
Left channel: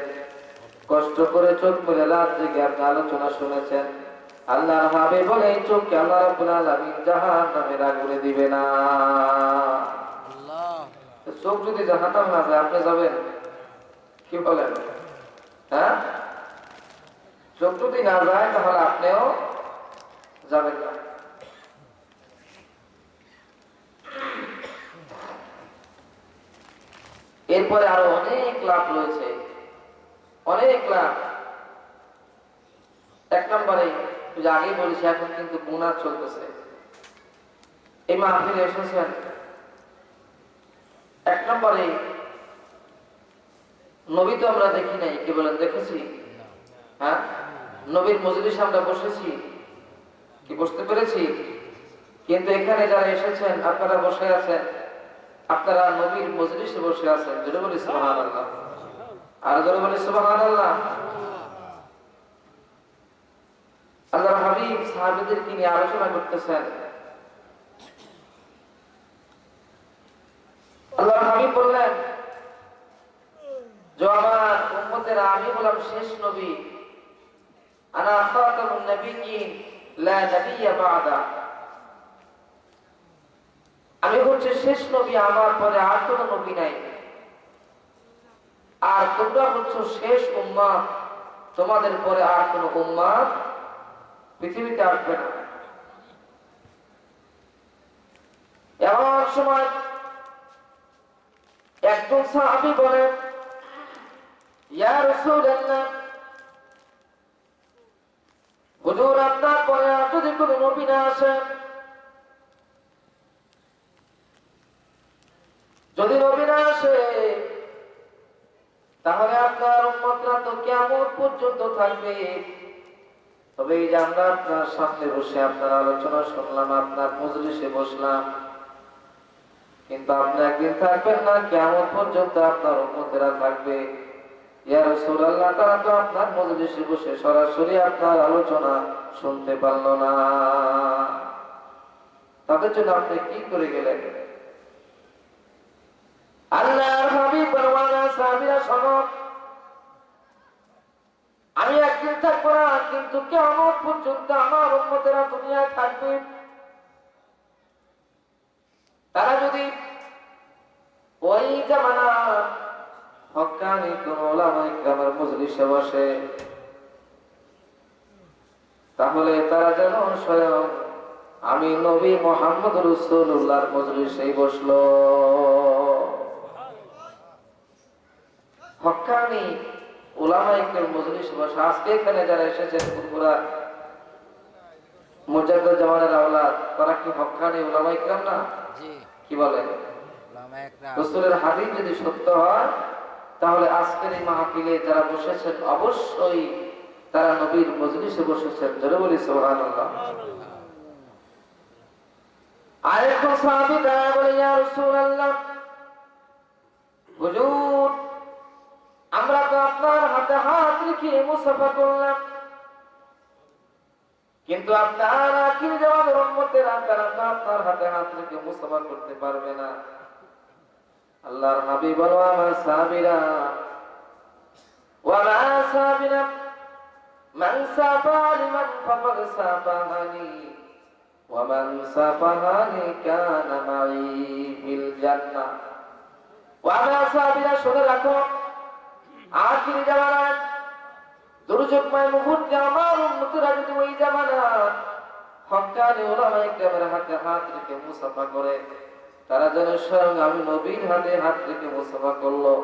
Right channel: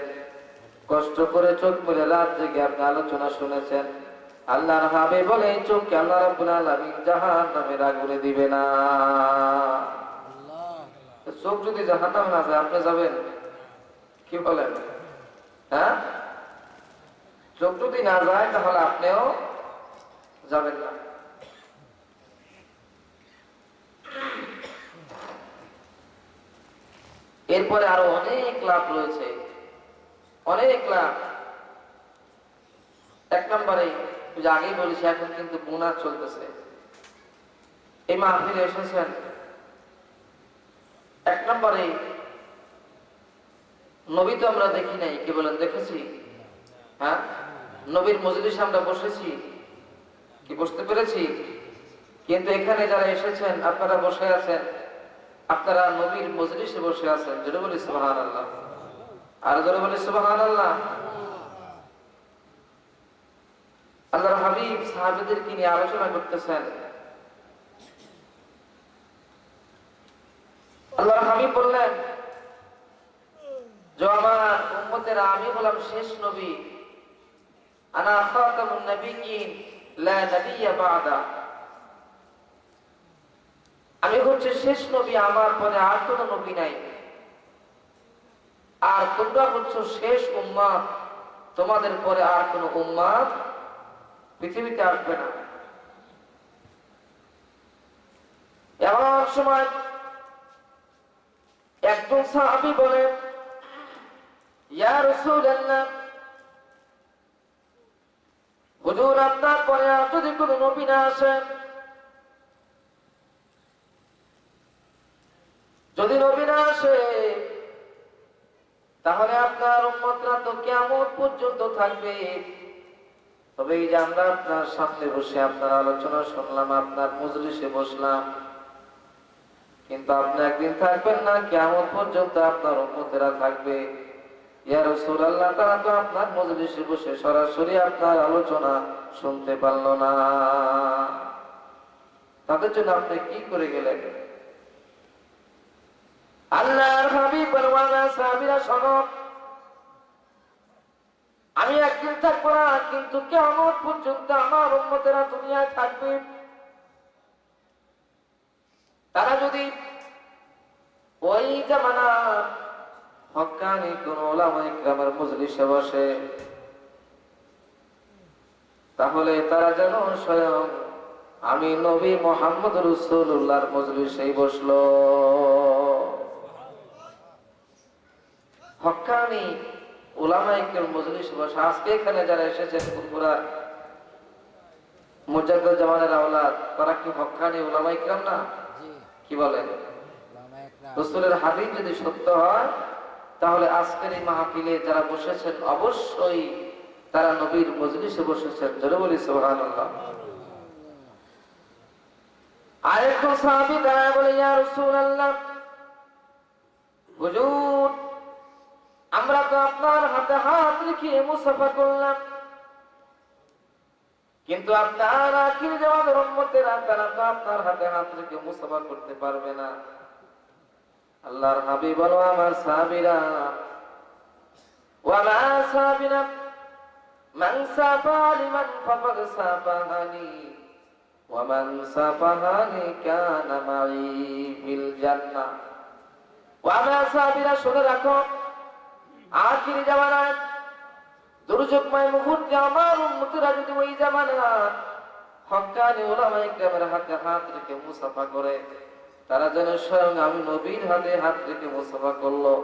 কষ্ট করে চোখ মেলে রাত জেগে আপনি আলোচনা শুনেছেন আল্লাহর হাবিব বলে এই চোখকে আল্লাহ রাব্বুল আলামিন জাহান্নামের আগুনে দিবে না চোখ যদি জাহান্নামে না যায় আপনি যাবেন কি বলেন হ্যাঁ চোখ যদি না যায় তাহলে আপনিও যাবেন না এরপরে আরো অনেক লাভ রয়েছে অনেক লাভ এক নম্বরে আগেই বলেছি এখন কিন্তু বোনাস চলতেছে এই মাহফিলে এসেছেন এক নম্বরে নবী তো আমরা দেখি নাই কি বলেন দেখেছি হ্যাঁ নবীর মজলিসে আমরা বসেছি কি বসতে পেরেছি কিন্তু এখানে যারা এসেছেন আপনারা বসে আছেন আপনারা নবীর মজলিসে বসে আছেন জোরে বলি সুবহানাল্লাহ আর জোরে বলি সুবহানাল্লাহ আল্লাহর হাবিব সাহাবীদেরকে নিয়ে আলোচনা করতেছেন আল্লাহর হাবিব বললেন যে আমার উম্মতেরা আমি হলাম শেষ নবী আনা খাতামুন নবিয়্যিন লা নাবিয়্যা বা'দা আমি হচ্ছে শেষ নবী আমার পরে আর কোনো নবী নাই আর তোমরা হচ্ছে শেষ উম্মত তোমাদের পরে আর কোনো উম্মত পৃথিবীতে আসবে না এমন সময় একজন সাহাবী বলেন ইয়া রাসূলুল্লাহ হুজুর আপনার পরে আর যদি কোনো নবী না আসেন যদি নবী না আসে তাহলে আপনার উম্মতরা তো কিয়ামত পর্যন্ত থাকবে। তবে এই যে আমরা আপনার সামনে বসে আপনার আলোচনা শুনলাম, আপনার মজলিসে বসলাম, কিন্তু আপনি একদিন থাকবেন না, কিয়ামত পর্যন্ত আপনার উম্মতেরা থাকবে। ইয়া রাসূলুল্লাহ, তারা তো আপনার মজলিসে বসে সরাসরি আপনার আলোচনা শুনতে পারলো না, তাদের জন্য আপনি কি করে গেলেন? আল্লাহর হাবিব বলওয়ানা সাহাবীরা শোনো, আমি একদিন থাকবো না, কিন্তু কিয়ামত পর্যন্ত আমার উম্মতেরা দুনিয়ায় থাকবে। তারা যদি ওই জামানা হক্কানি কোন উলামায়ে কিরামের মজলিসে বসে, তাহলে তারা যেন স্বয়ং আমি নবী মুহাম্মদ রাসূলুল্লাহর মজলিসেই বসলো। হক্কানি উলামায়ে কিরাম মজলিসে বসে, আজকে এখানে যারা এসেছেন পুরা মুজাদ্দিদ জামানের আওলাদ, তারা কি হক্কানি উলামায়ে কিরাম না? কি বলেন? রাসূলের হাদিস যদি সত্য হয়, তাহলে আজকের এই মাহফিলে যারা বসেছেন অবশ্যই তারা নবীর মজলিসে বসেছেন। জোরে বলি সুবহানাল্লাহ। আরেকজন সাহাবী দাঁড়ায় বলে, ইয়া রাসূলুল্লাহ, হুজুর, আমরা তো আপনার হাতে হাত রেখে মুসাফা করলাম, কিন্তু আপনার আখির জামানের উম্মতেরা তারা তো আপনার হাতে হাত রেখে মুসাফা করতে পারবে না। আল্লাহর হাবিব বলো, আমার সাহাবীরা, ওয়া মা সাহাবীরা মান সাফা লিমান ফাকাদ সাফাহানি ওয়া মান সাফাহানি কানা মাই ফিল জান্নাহ। ওয়া মা সাহাবীরা, শুনে রাখো, আখির জামানায় দুর্যোগময় মুহূর্তে আমার উম্মতেরা যদি ওই জামানা হক্কানি উলামায়ে কিরামের হাতে হাত রেখে মুসাফা করে, তারা যেন স্বয়ং আমি নবীর হাতে হাত রেখে মুসাফা করলো।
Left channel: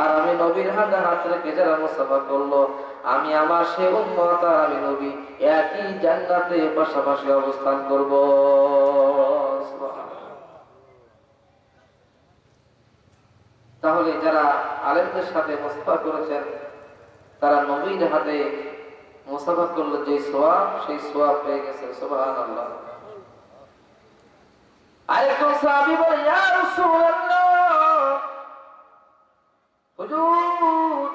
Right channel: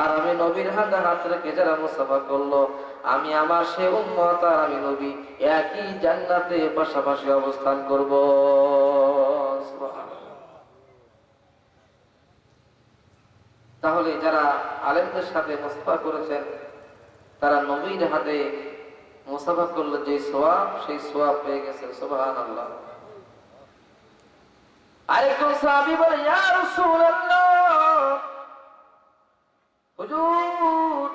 আর আমি নবীর হাতে হাত রেখে যারা মুসাফা করলো, আমি আমার সে উম্মত আর আমি নবী একই জান্নাতে পাশাপাশি অবস্থান করব। তাহলে যারা আলেমদের সাথে মুসাফা করেছেন, তারা নবীর হাতে মুসাফা করলে যে সওয়াব, সেই সওয়াব পেয়ে গেছে। সুবহানাল্লাহ। আরেকজন সাহাবী বলে, ইয়া রাসূলুল্লাহ, হুজুর,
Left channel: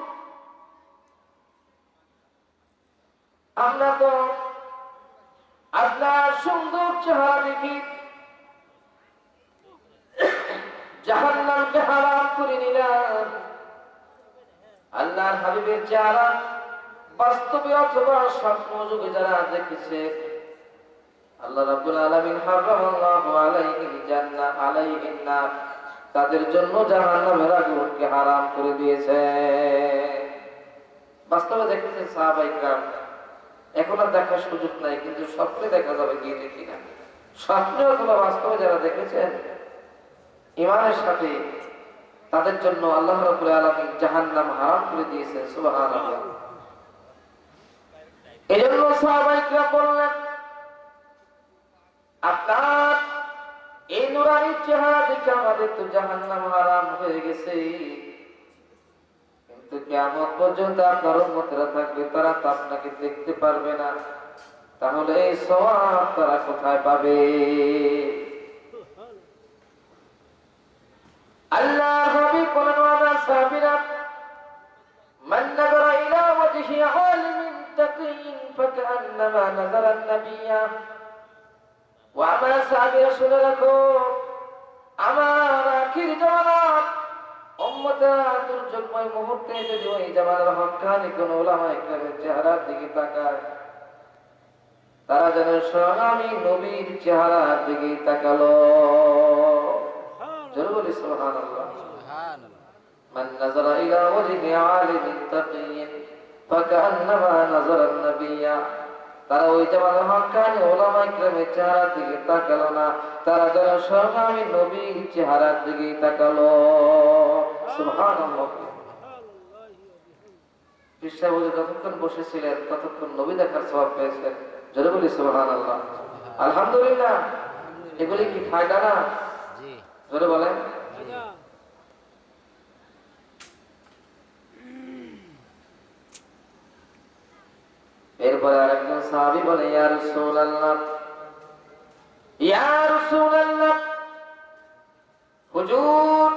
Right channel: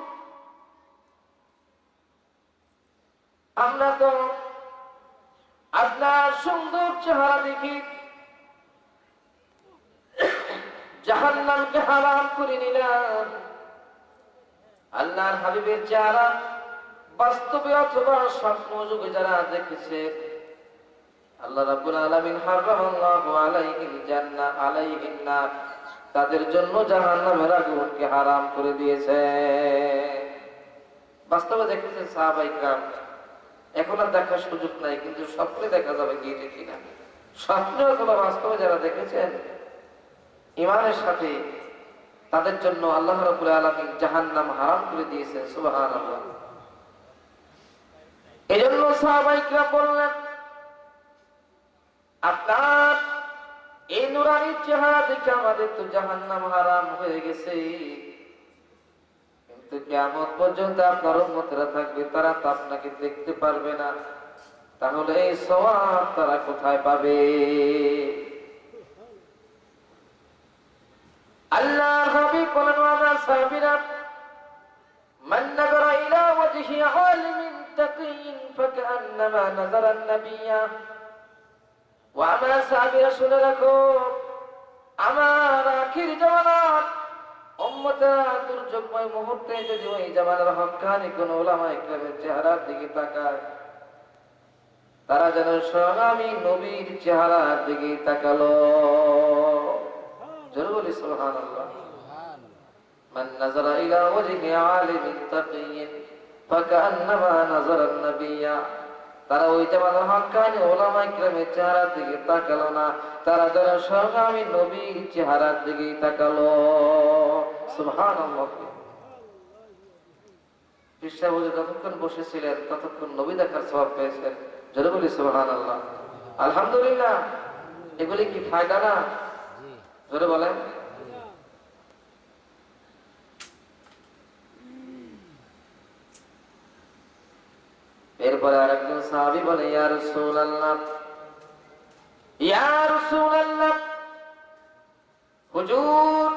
আমরা তো আপনার সুন্দর চেহারা দেখি জাহান্নামকে হারাম করে নিলাম। আল্লাহর হাবিবের চেহারা বাস্তবে অথবা স্বপ্ন যুগে যারা দেখেছে, আল্লাহ রাব্বুল আলামিন হারামাল্লাহু আলাইহিল জান্নাহ আলাইহিন নার, তাদের জন্য জাহান্নামের আগুনকে হারাম করে দিয়েছে। বাস্তবে দেখেছেন সাহাবায়ে কিরাম, এখন আর দেখার সুযোগ নাই, কিন্তু স্বপ্নে দেখা যাবে কি দেখি না। স্বপ্নে অথবা বাস্তবে যারা দেখেছেন ঈমানের সাথে, তাদের জন্য আল্লাহ রাব্বুল আলামিন জাহান্নাম হারাম করে দিয়েছেন। সুবহানাল্লাহ। এজন্য সাহাবায়ে কিরাম বললেন, আপনার এই নুরানি চেহারা দেখে আমাদের তো জাহান্নাম হারাম হয়ে গেছে, কিন্তু কিয়ামত পর্যন্ত আপনার উম্মতেরা থাকবে, তারা তো আপনাকে দেখতে পারবে না, তাহলে এই সওয়াব তারা কোথায় পাবে? আল্লাহর হাবিব বলেন, ওয়া সাহাবীরা, মান নাযারা ইলা ওয়াজহি আলিমিন তাকিয়িন ফাকান্নামা নাযারা আন-নাবিয়্যা। ওয়া মা সাহাবীরা, শুনে রাখো, আমার আখির জামানার উম্মতেরা দুর্যোগময় মুহূর্তে যদি ওই জামানার হক্কানি কোন উলামায়ে কিরামের চেহারার দিকে তাকায়, তারা যেন স্বয়ং আমি নবীর চেহারার দিকে তাকালো। জোরে বলি সুবহানাল্লাহ। মান নাযারা ইলা ওয়াজহি আলিমিন তাকিয়িন ফাকান্নামা নাযারা আন-নাবিয়্যা। তারা ওই জামানার হক্কানি উলামায়ে কিরামের চেহারার দিকে তাকালো না, তারা যেন স্বয়ং আমি নবীর চেহারার দিকে তাকালো। সুবহানাল্লাহ। বিশ্ববুঝে যতক্ষণ বসেছিলেন ততক্ষণ নবী দেখার সওয়াব পেয়েছেন। জোরে বলি সুবহানাল্লাহ। আলহামদুলিল্লাহ। এগুলি কি ফায়দা না? জোরে বলেন। এরপরে আরেকজন সাহাবী বলে, ইয়া রাসূলুল্লাহ, ইয়া রাসূলুল্লাহ, হুজুর